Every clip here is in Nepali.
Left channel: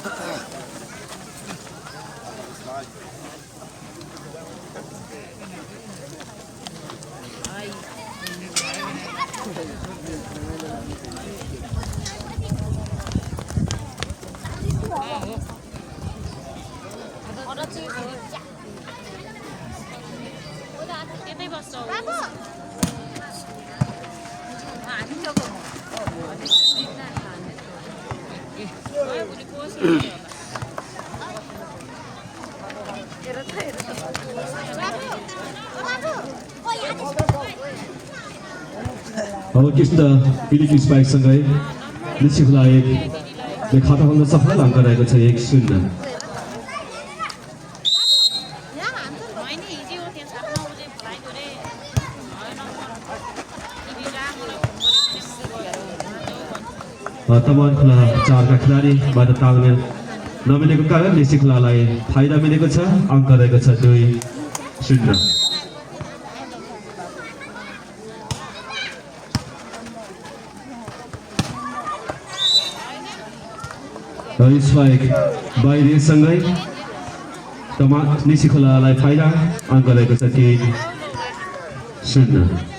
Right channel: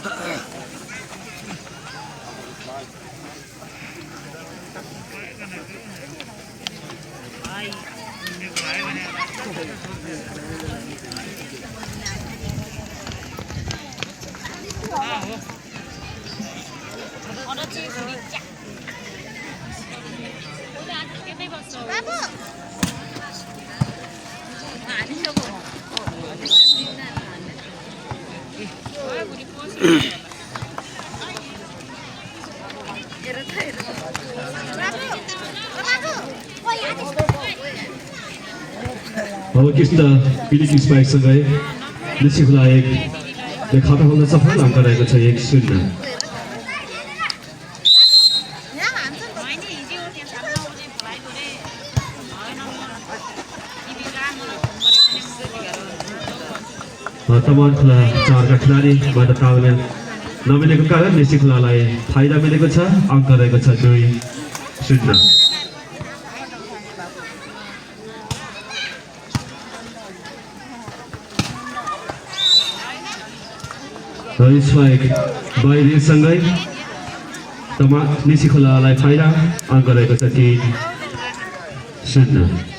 अब कृष्ण पिलिक स्पाइकसँगै निश्चितलाई एक खाता खोल्न सफल अङ्क रहेको छ 1-0 तमान खोला 4 का खेलाडीबाट तालमेल नमिलेको कारण निश्चितलाई फाइदा मिलेको छ अङ्क रहेको छ 2-0 स्पाइक बाहिरसँगै तमा निशिखोलालाई फाइदा अङ्क रहेको छ 3-0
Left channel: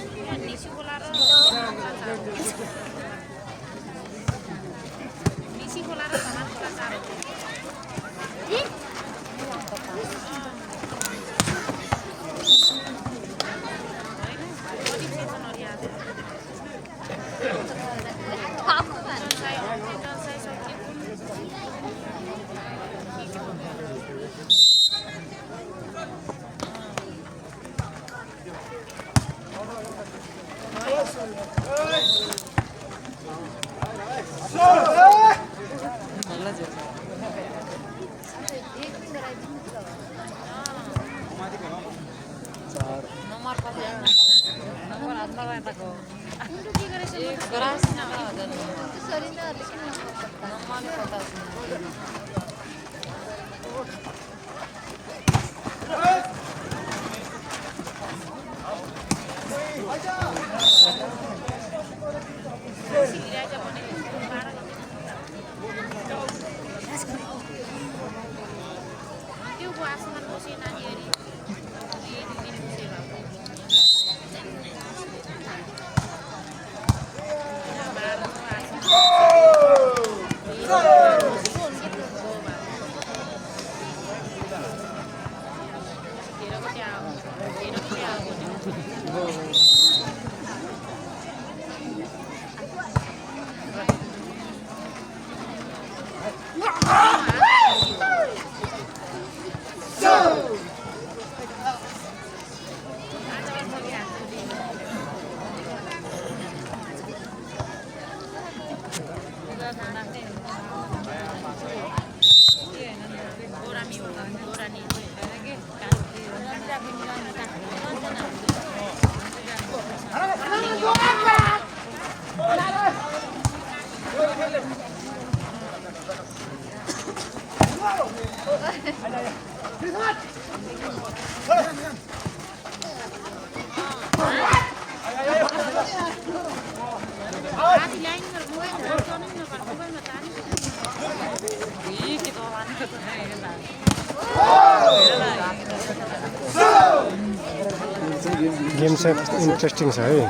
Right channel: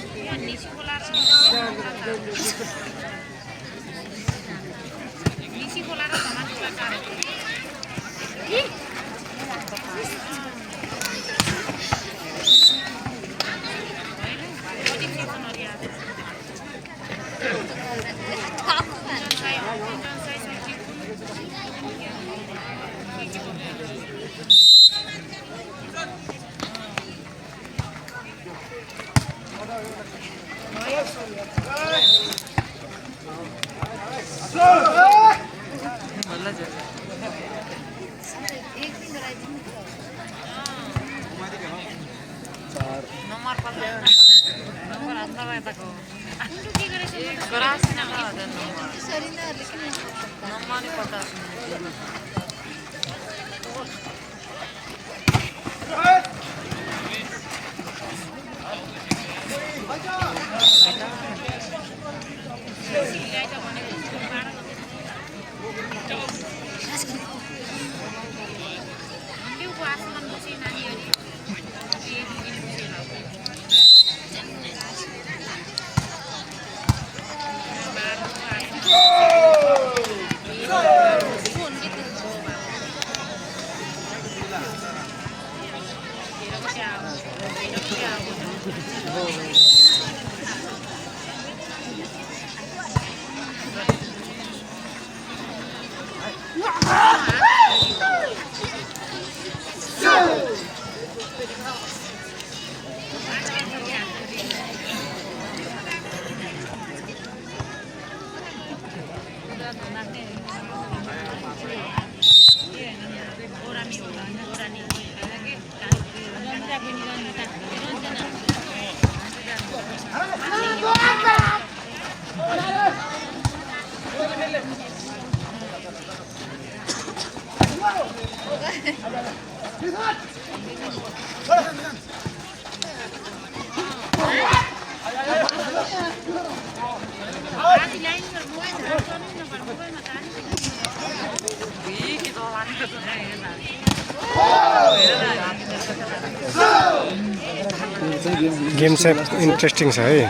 गेम चाहिँ इन्ट्रेस्टिङ छ है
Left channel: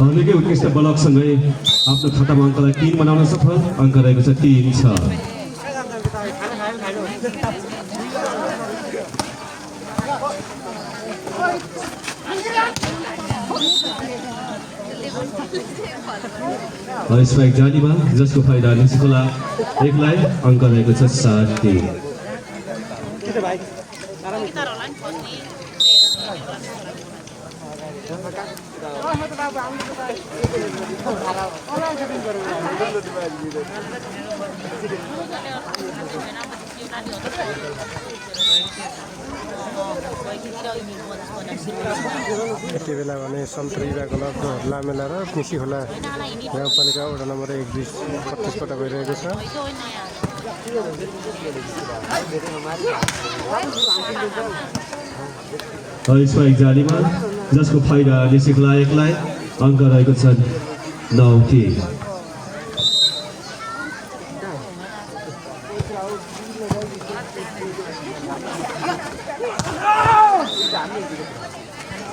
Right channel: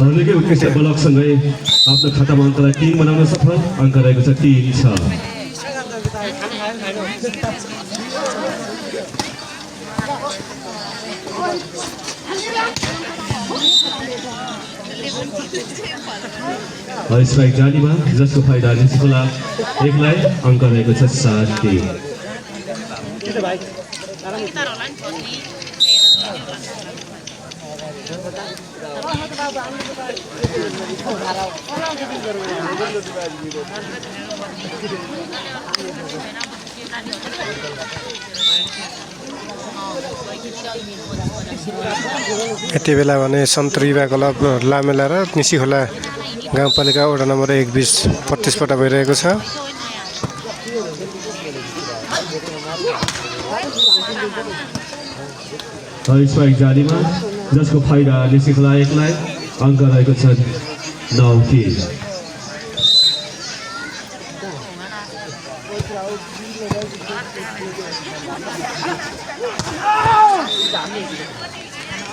हर्लेकै उत्कृष्ट ब्लकसँगै आफ्नो खातामा अङ्कलाई 3 बनाउन सफल अङ्क रहेको छ 3-6 स्ट्राइक जालीमा जसको फाइदा निस्कोला एकलाई अङ्क रहेको छ 7-3 यति बेला भने सन्तुरीबा क्लब लामेला र निसिखोला गाउँपालिका वडा नम्बर 1 बीच प्रतिस्पर्धा भइरहेको छ स्ट्राइक जालीमा जसको फाइदा निसिखोला एकलाई अङ्क रहेको छ 9-3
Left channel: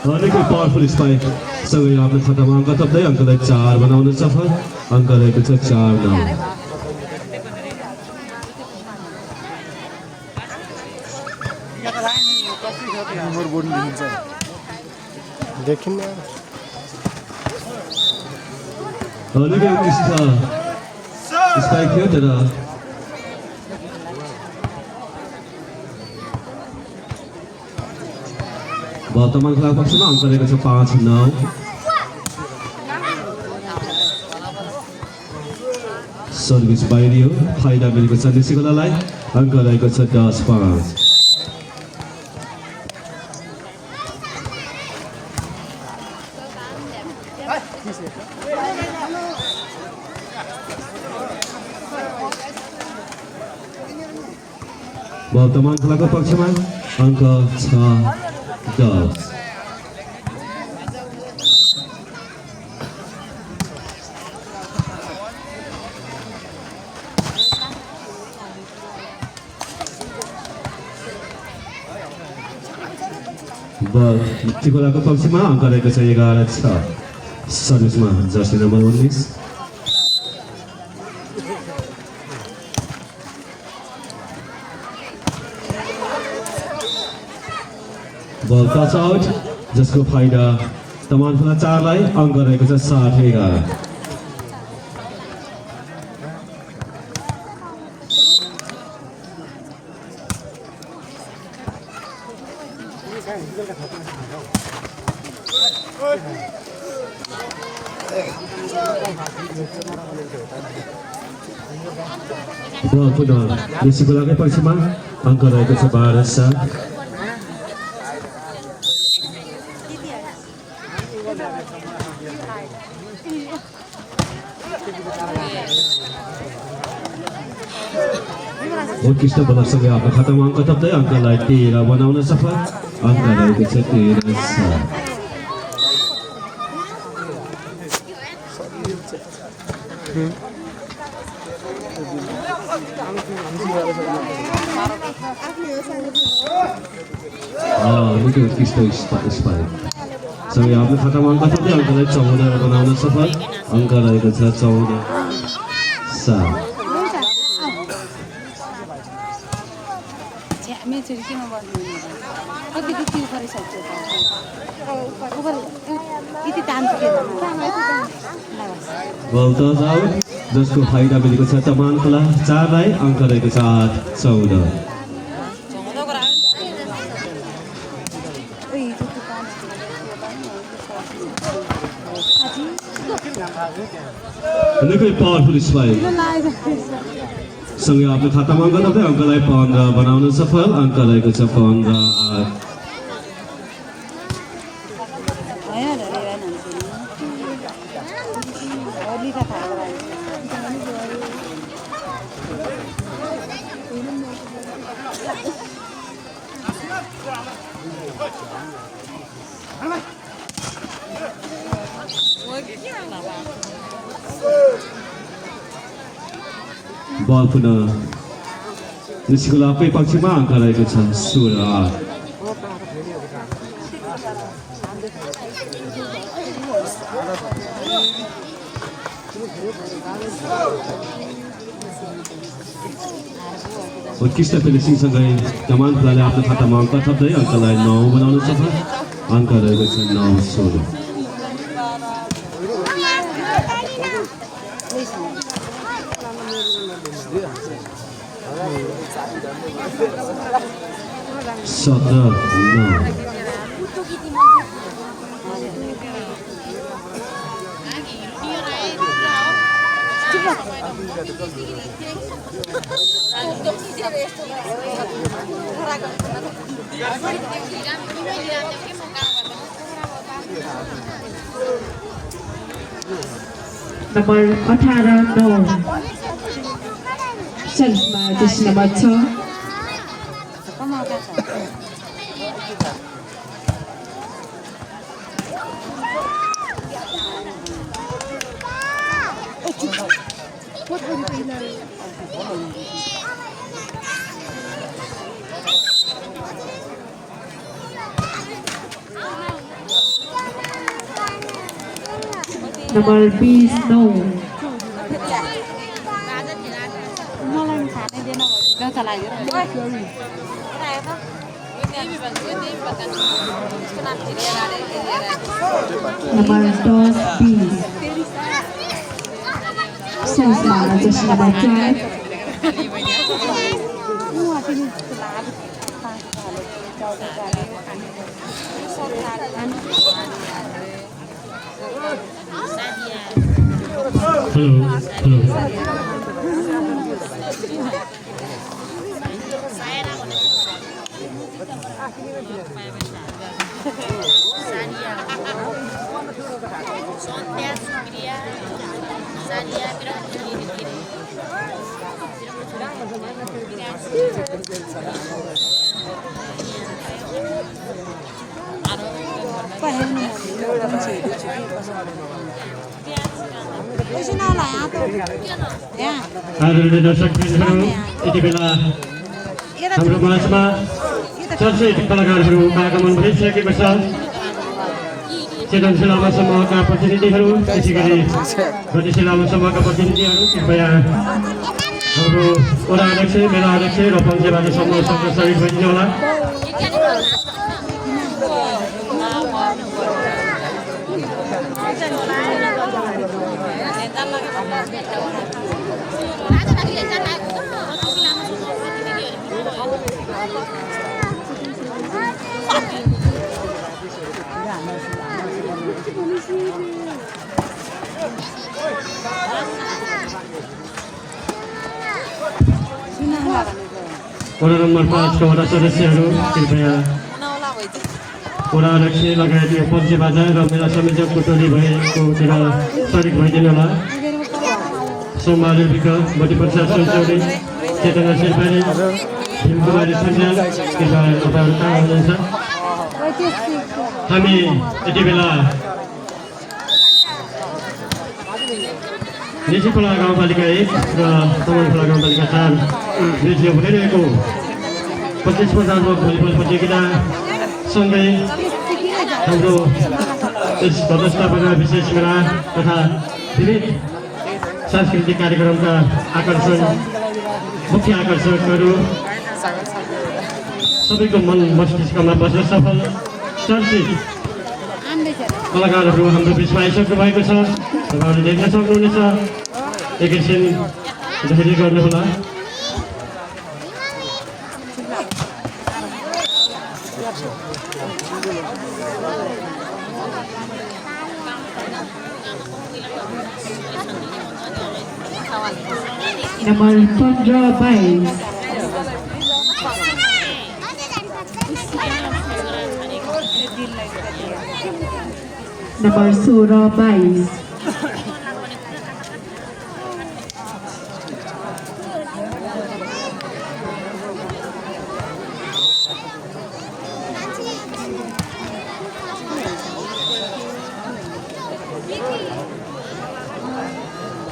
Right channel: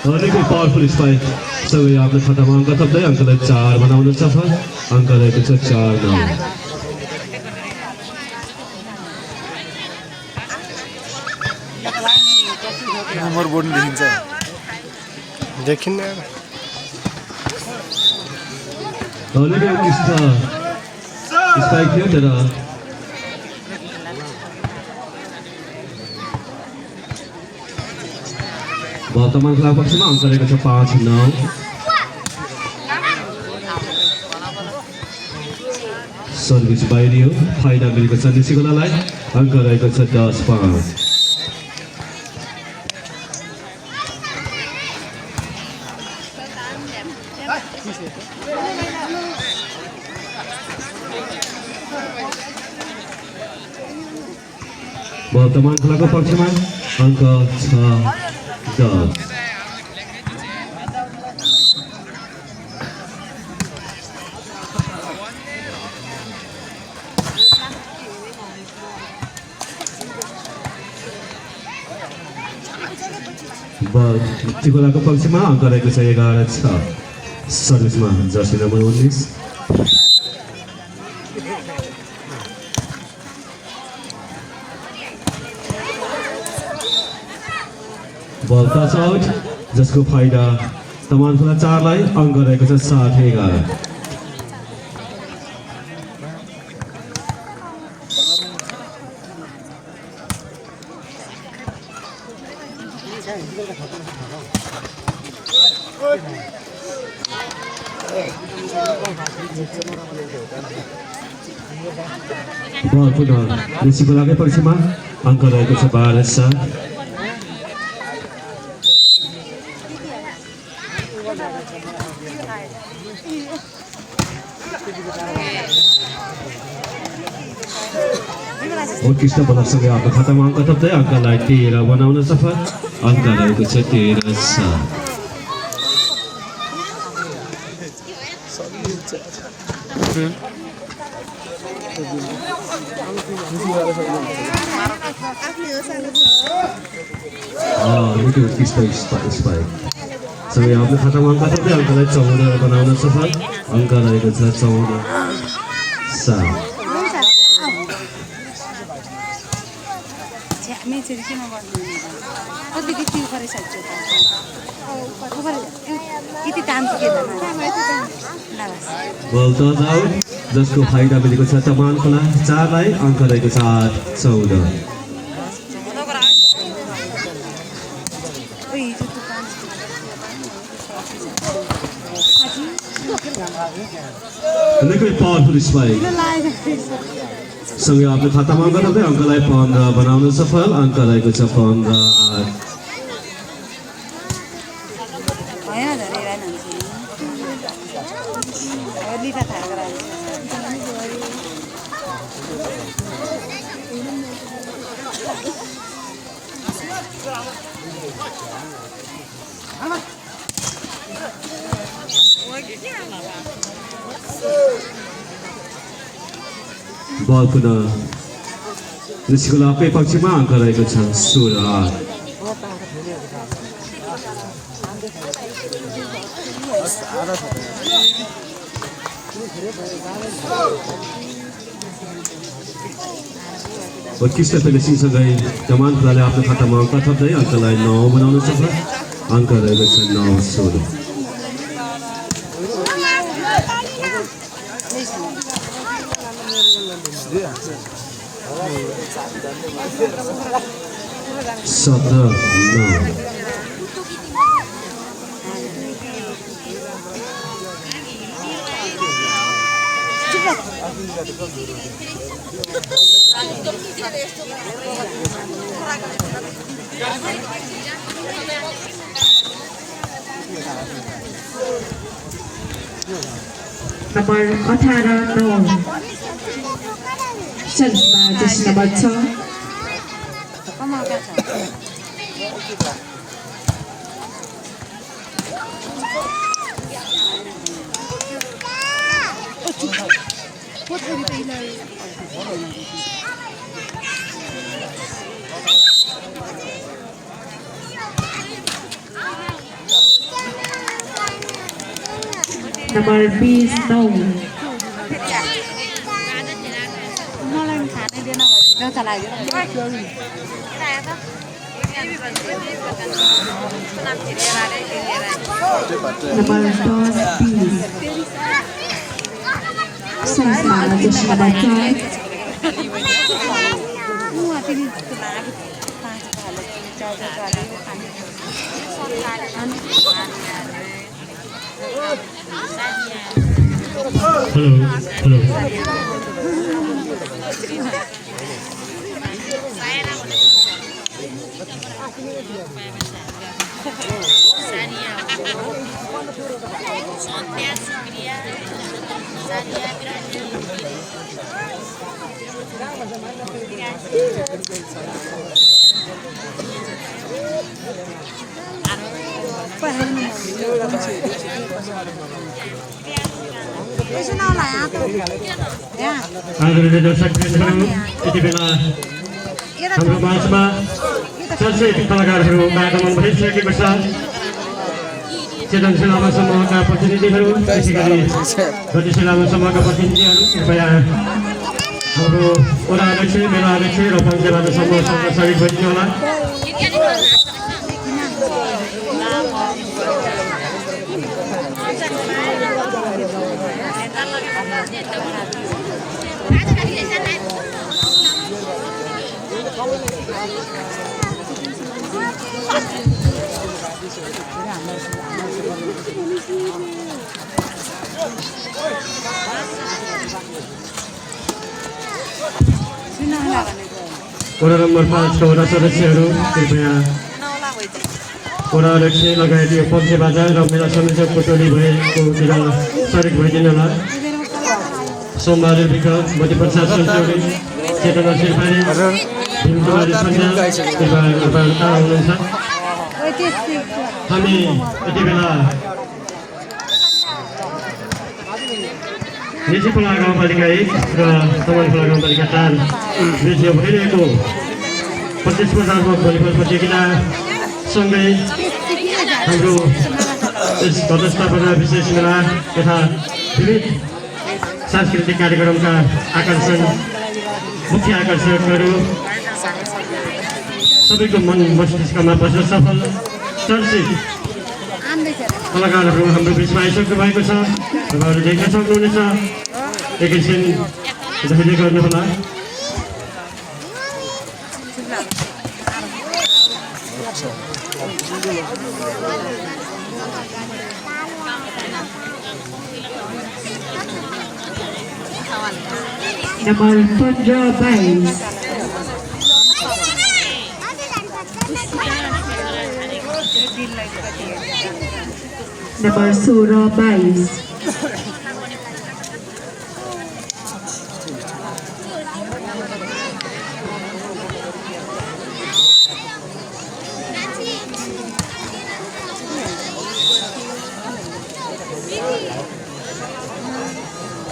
भनेकै पावरफुल स्ट्राइक सँगै आफ्नो खातामा अङ्क थप्दै अङ्कलाई 4 बनाउन सफल अङ्क रहेको छ 4 नम्बर बोर्ड देखिन्छ देखिन्न भनेकै स्ट्राइक थियो तर वर्तमान खेला पक्षमा अङ्क रहेको छ 5-9 सर्भिस बाहिरियो फाइदा मिलेको छ निसिकोलालाई अङ्क रहेको छ 10-5 वर्तमान खेलाको पक्षमा अङ्क 6-10 चिकोलाको पक्षमा अङ्क रहेको छ 11-6 सर्भिसमा जर्सी नम्बर 19 बल टच आउट जसको फाइदा तमान खुला 4 लाई अङ्क रहेको छ 7-11 बल पुनः निसिकोलाकै पक्षमा अङ्क रहेको छ 12-7 उत्कृष्ट बलसँगै आफ्नो खातामा अङ्क थप्दै अङ्कलाई 13 बनाउन सफल अङ्क रहेको छ 13-7 उत्कृष्ट स्पाइक सँगै आफ्नो खातामा अङ्क थप्दै अङ्कलाई 14 बनाउन सफल अङ्क रहेको छ 14-7 बल टच आउट जसको फाइदा मिलेको छ तमानखोला 4 लाई अङ्क रहेको छ 8-14 निकै पावरफुल स्पाइक सँगै आफ्नो खातामा अङ्क थप्दै अङ्कलाई 15 बनाउन सफल अङ्क रहेको छ 15-8 बल पुनः निसिकोलाकै पक्षमा अङ्क रहेको छ 16-8 उत्कृष्ट फिनिसिङसँगै तमानखोलाले आफ्नो खातामा अङ्क थप्दै अङ्कलाई 9 बनाउन सफल अङ्क रहेको छ 9-16 17-9 Nomor 18-9 Servisma jersey nomor 6 Number 20 no. मलाई खानै दिएन भने डचा लाग्यो Number 10 bis. Sama Jessica baca. आदरणीय दर्शकवृन्दहरू यति बेला हाम्रो माझमा चर्चित कलाकारहरू आगमन भइसकेको छ चेतन लामा समूहका प्रतिनिधिहरू त्यसै गरी गतिशील लामा समूहका प्रतिनिधिहरू कृपया हाम्रो वडा अध्यक्ष मेला अध्यक्ष र पञ्चायत समूहसँग सहयोग गरिदिनु होला वडा नम्बर 5 का वडा सदस्यहरू कृपया वडा अध्यक्ष लगायत यो पञ्चे बाजा र मेला संयोजकको टोली भएकोतिर सहयोग भइदिनु होला सोमबहादुर विकल मध्यप्रसाद सञ्चौली चेतना शेर्पानी भीमकुमारी सञ्जाल कृपया तपाईँहरू कहाँ हुनुहुन्छ हामी यति बेला निजीखोला गाउँपालिका 1 र कमलखोला गाउँपालिका 4 बीचमा भइरहेको 25 वर्षको भलिबल प्रतियोगिता सँगै हाम्रो यस घटस्थापना विशेष मेला तथा विविध सांस्कृतिक कार्यक्रमका आकर्षण मुख्य आकर्षकहरू सबैको मन मस्तिष्कमा बस्न सफल चर्चित कलाकारहरू हाम्रो बिचमा आइसक्नु भएको छ तपाईँहरू देख्न सक्नुहुनेछ एकैछिन धैर्य गर्नुहोला Number 15 bis. Number 16 bis.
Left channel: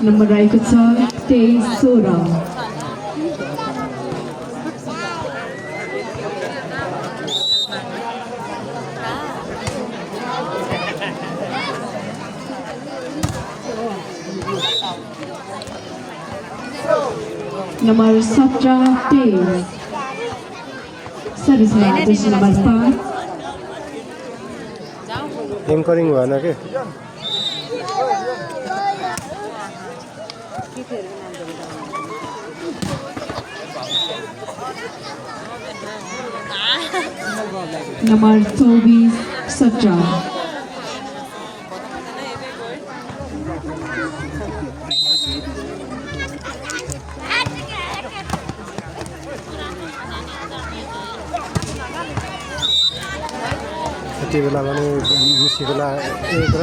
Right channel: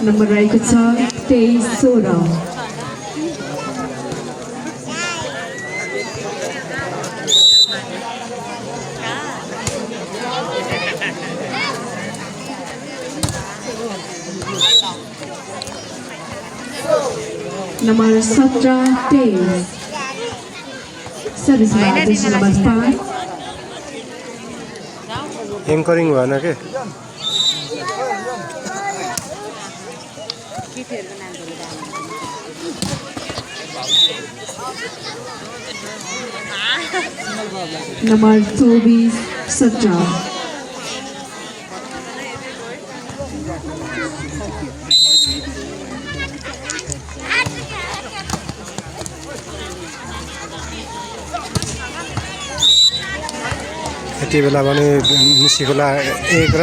Number रहेको छ 23-16. Number 17-23. सर्भिसमा त्यसमा बस्दा एङ्करिङ भएन के Number 24-17. यति बेला भने निसीखोला 1 र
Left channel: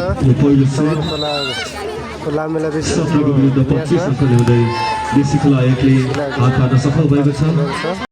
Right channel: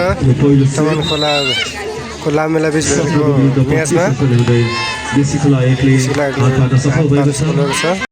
तमनखोलाको लामेला बिच भएको म्याचमा निसीखोला 1ले हातबाट सफल भएको छ